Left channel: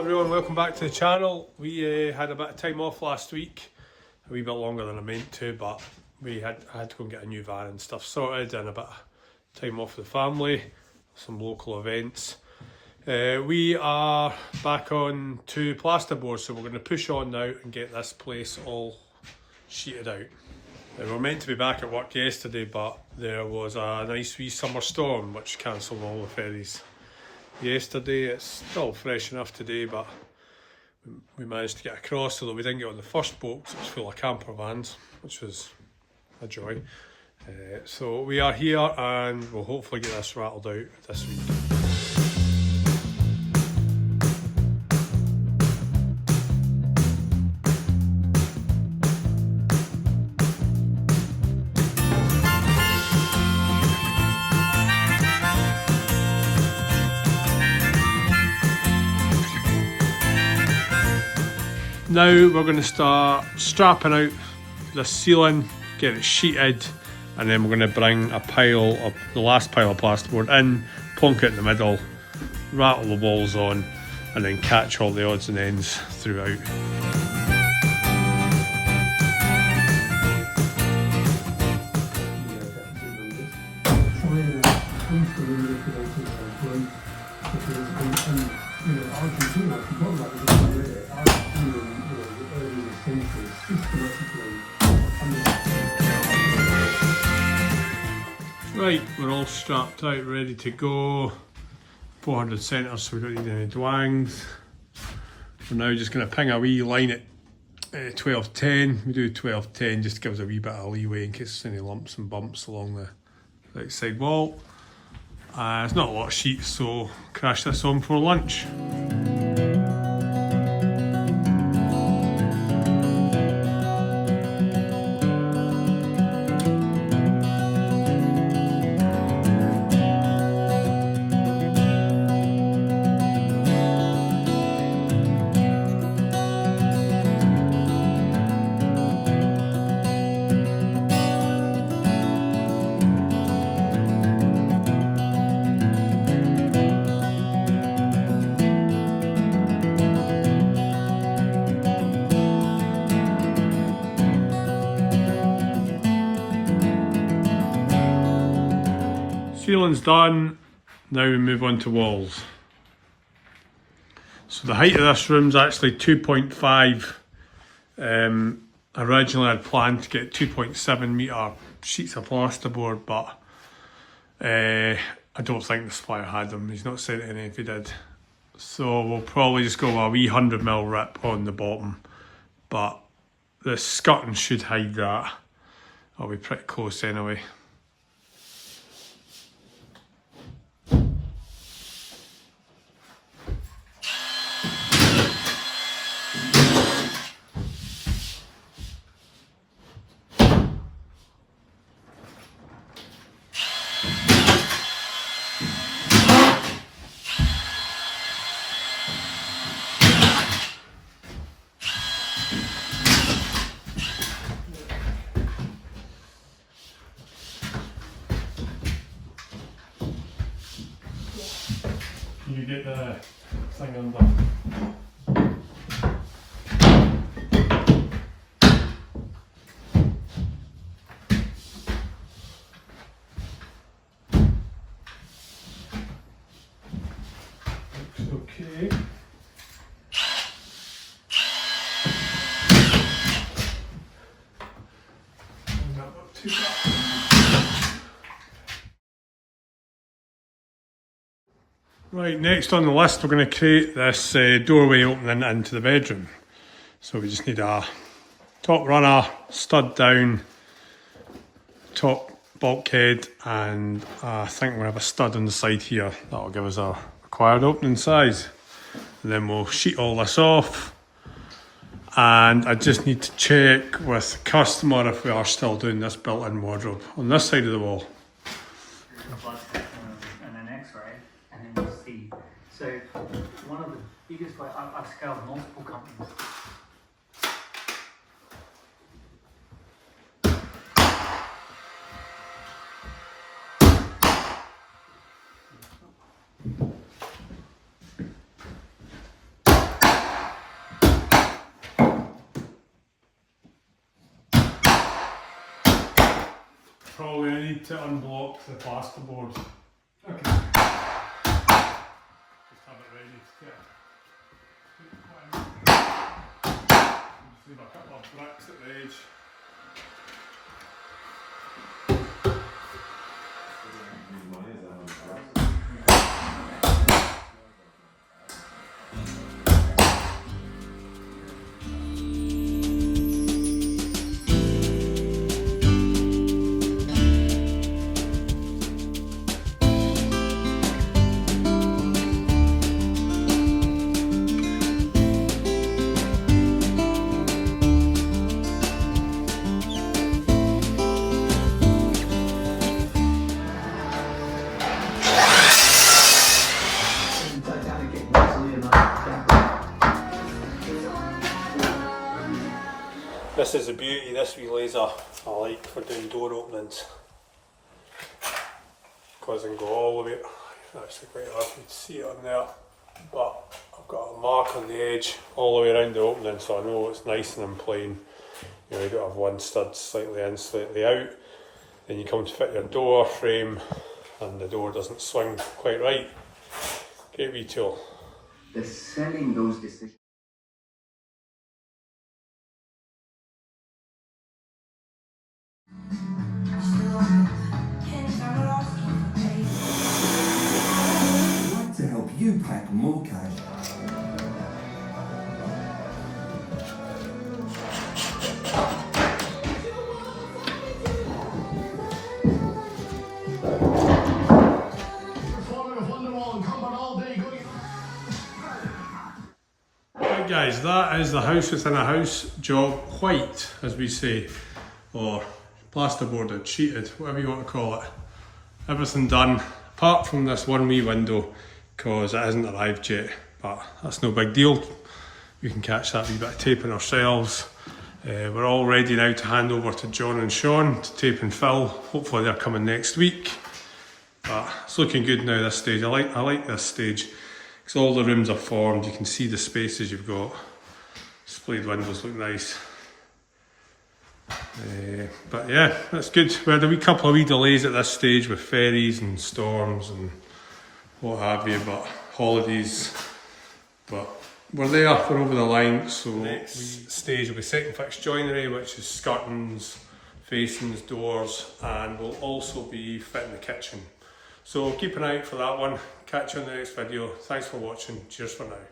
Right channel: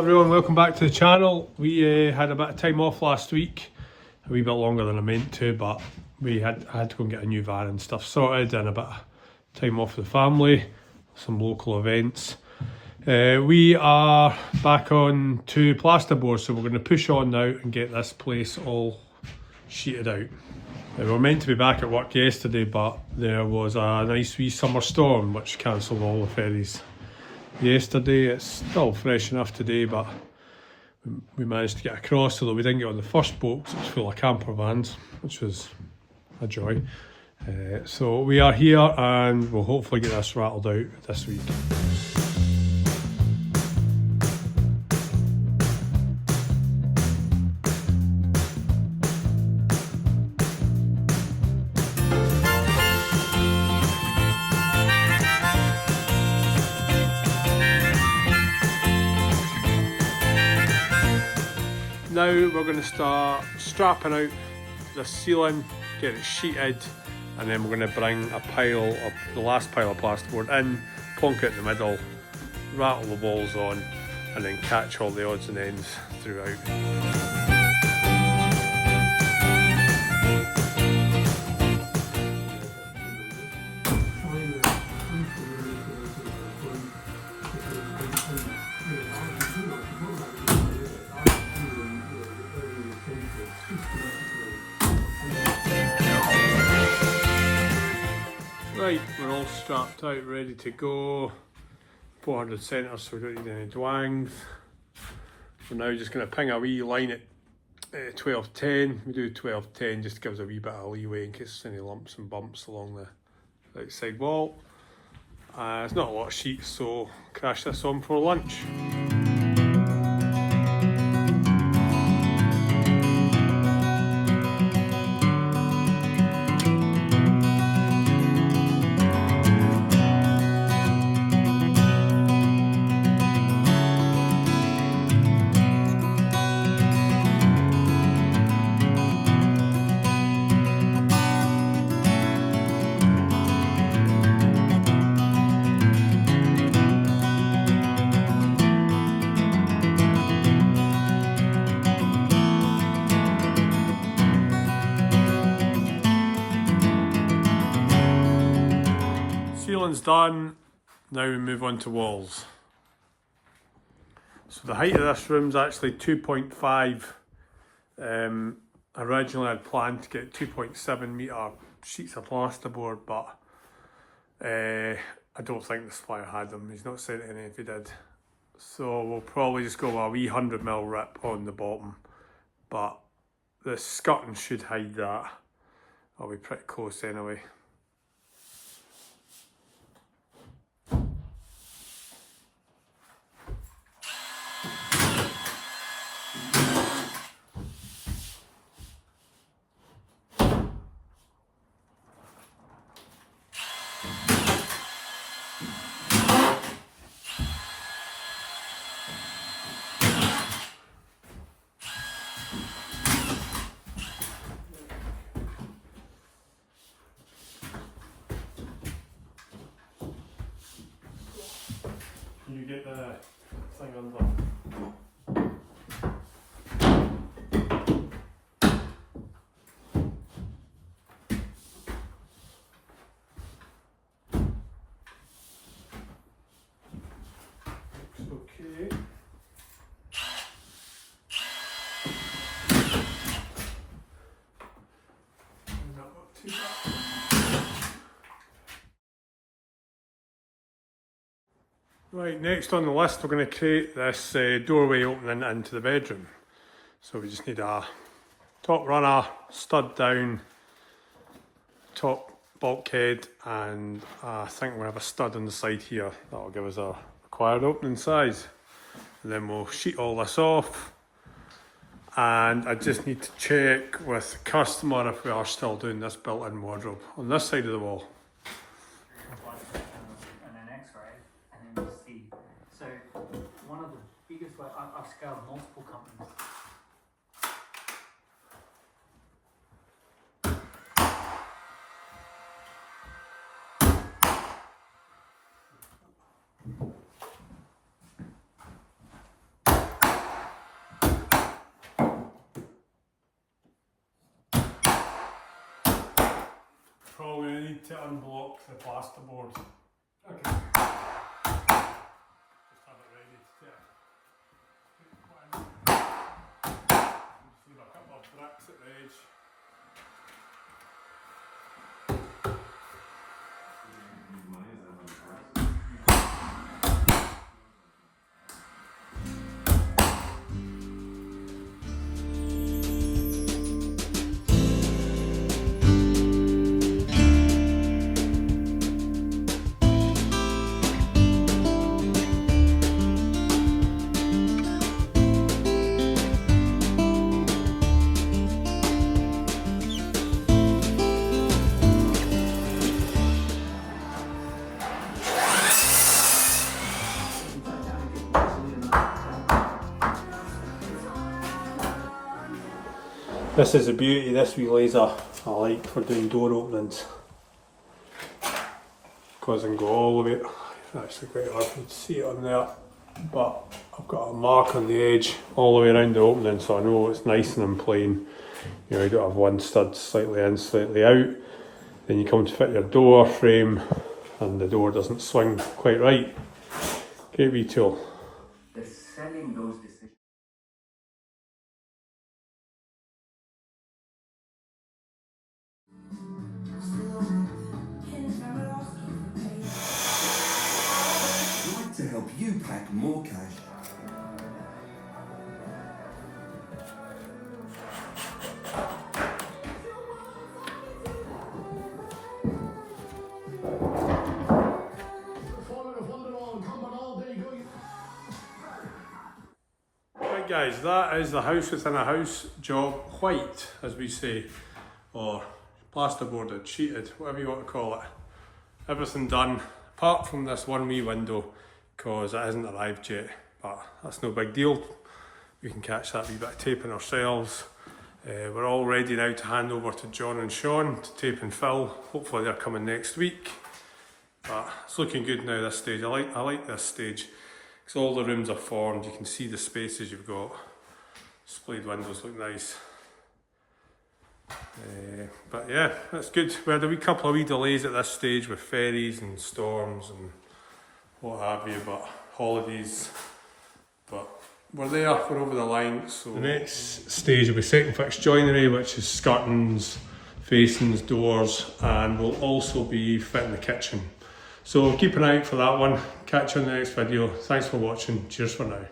everyone, welcome back to the channel. We had a bit of time off last week, a wee bit longer than I meant to, but I had to go and get a new van and stuff sorted and a bit of time off with the family, some local events. We are back on to plasterboard, so we're going to push on now and get this place all sheeted out. We were meant to be back at work yesterday, but there was a nice wee summer storm which cancelled all the ferries yesterday. It's still fresh enough today, but we managed to get across, although we didn't get on the first boat because it was full of camper vans, which was a joy. So we are here and we'll hopefully get this rattled out this week. Now we're going to start strapping out the ceiling, get it sheeted, and then we're going to bring the last pile of plasterboard in, plonk it in the middle, rattle the walls on, and then catch all the odds and ends throughout. Right, we're all strapped out, ready to go. 400 centres, so we don't need any dwangs. We're now just going to ping a wee line at 1210. We do 1210 just to give us a wee bit of leeway in case there's any lumps and bumps along the outside wall. There's not a lot of sheets, so crash this on for lunch. Ceiling's done, now we move on to walls. So the height of this room's actually 2.5. Originally I'd planned to get 2.7 metre sheets of plasterboard, but I don't think the supplier had them. He's not said any if he did. So we'll probably just go with a wee 100mm rip on the bottom, but the skirting should hide that. I'll be pretty close anyway. You get the thing undone. Looks okay. Not too bad. Right, next on the list we're going to create this doorway opening into the bedroom. So we just need a top runner, stud down, top bulkhead, and I think we'll have a stud on the side here. That'll give us a required opening size. And then we'll sheet all this off. And I just need to check with the customer if we are still doing this built-in wardrobe on this side of the wall. So one of the biggest ways, I've scaled multiple companies. need to unblock the plasterboard. Okay. Just have it ready to get. Just leave a couple of bricks at the edge. This is the beauty, this wee laser I like for doing door openings. Because I can go all the way, it's actually quite hard to see it on there, but I've got a mark on the edge all the way around the opening, so I know it's nice and in plane. You know, you don't have one stud slightly in, slightly out. Then you come to fit your door frame and the door doesn't swing quite right. Great wee tool. The selling those decisions. I'd like to help you pack more cash. Right guys, that is the house within a house job white, as we say, or plasterboarded, sheeted, whatever you want to call it. Everything done, apart from this one wee window, because it hasn't arrived yet, but that's no big deal. We can catch that wee bit of taping ourselves. We're all ready now to hand over to John and Sean to tape and fill. Hopefully they're coming next week. But it's looking good now, this stage. I like this stage, because all the rooms are formed, you can see the spaces you've got. Splayed windows look nice. But yeah, that's good. We had a couple of wee delays at this stage with ferries and storms and what have you, but holidays. But we're there, we're over the line. So the next stage will be second fix joinery, which is skirtings, facings, doors, and we'll also be fitting the kitchen. So keep an eye out for that one. Catch you in the next video. Thanks for watching. Cheers for now.